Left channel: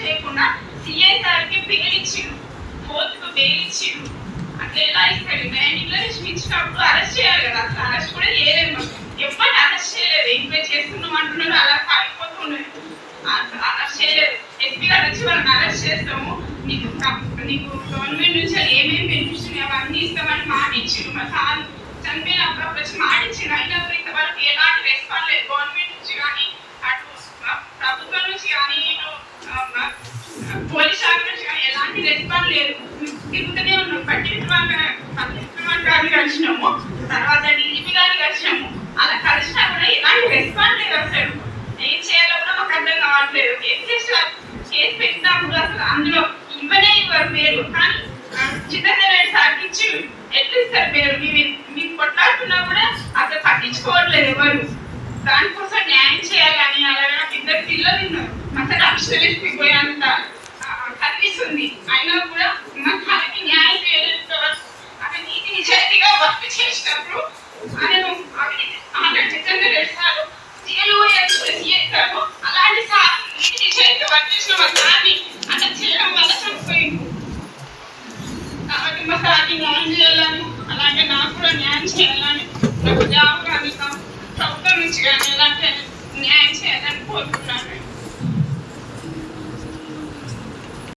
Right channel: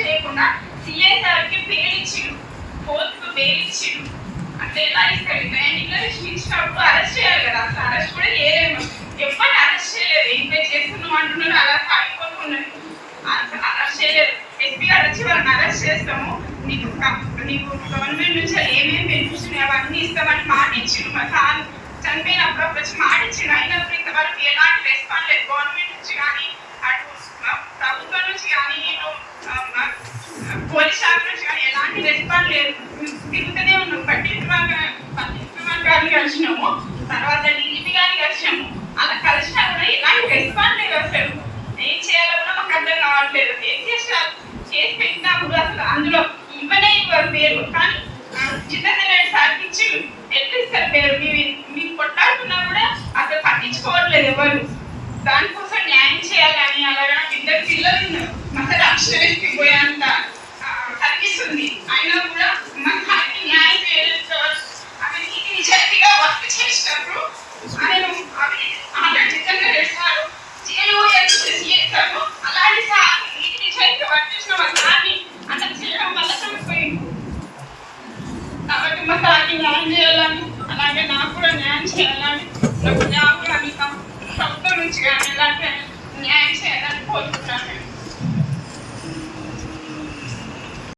చేయకుండా సిఐ సార్కి బెయిల్ ఇచ్చిండు, కోర్టుకు బెయిల్ ఇచ్చిండు. అట్లా ఎలా ఇస్తాడు? నేను ఇన్ఫర్మేషన్ ఇచ్చినప్పుడు అరెస్ట్ చేయాలి కదా, అసలు అరెస్ట్ కూడా చేయలేము. ఎప్పటి అరెస్ట్ చేయలేదు, ఎంక్వైరీ చేస్తున్నాం అంటున్నారు, అలా కాకపోతున్నారు. అసలు అరెస్ట్ చేయలేదు. ఎస్పీ గారు వచ్చి వాళ్ళని అరెస్ట్ చేస్తాము, నీకు గవర్నమెంట్ నుంచి ఏమేమి బెనిఫిట్స్ అవన్నీ ఇస్తామని మాట ఇచ్చిండు. మా సార్ చనిపోయినప్పుడు వచ్చి మాట ఇచ్చిండు. అయినప్పుడు ఇంతవరకు ఎలాంటి రెస్పాన్స్ లేదు గవర్నమెంట్ నుంచి కానీ, అటు ప్రభుత్వం నుంచి కానీ, పోలీస్ శాఖ నుంచి కానీ ఎలాంటి రెస్పాన్స్ లేదు. తిరుగుతూనే ఉన్నాం. పట్టించుకున్న గారిని కలిసినాము, తర్వాత డీజీపీ గారిని కలిసినాము. అలా కలిసినా కూడా ఎలాంటి రెస్పాన్స్ లేదు. అసలు ఏం చేయాలో కూడా మాకు అర్థం కావట్లేదు. కేసు పెట్టినప్పుడు అసలు అందులో ఇవ్వనే ఇవ్వరు పేరు, కానీ చిన్నదరెడ్డి సార్కి ఇచ్చి ఎట్లా ఇస్తారు పేరు? మీకు కొట్టాడుతున్నా కూడా అసలు పట్టించుకోవట్లేదు ఎవరు. దానికోసం న్యాయం చేయాలని అలాగే ఇద్దరు పిల్లలు ఉన్నారు. అసలు అక్షరవేసి పోయేంత కనిపిస్తుంది. అయినా కూడా మాకు న్యాయం చేయలేదు. అతను నీతి నిజాయితీగా వర్క్ చేసినప్పుడు చిన్నదరెడ్డి సార్ జైలు చేస్తాము. అలాంటి సార్ నీతి నిజాయితీగా వర్క్ చేసిన వాళ్ళని అట్లా చేయడం వల్ల చనిపోయింది. కాబట్టి మా సార్కి న్యాయం చేయాలని, అలాగే నాకు కూడా న్యాయం చేయాలని, నాకు జాబ్ కానీ ప్రభుత్వం నుంచి కానీ అలాంటి న్యాయం చేయాలని కోరుకుంటున్నాను.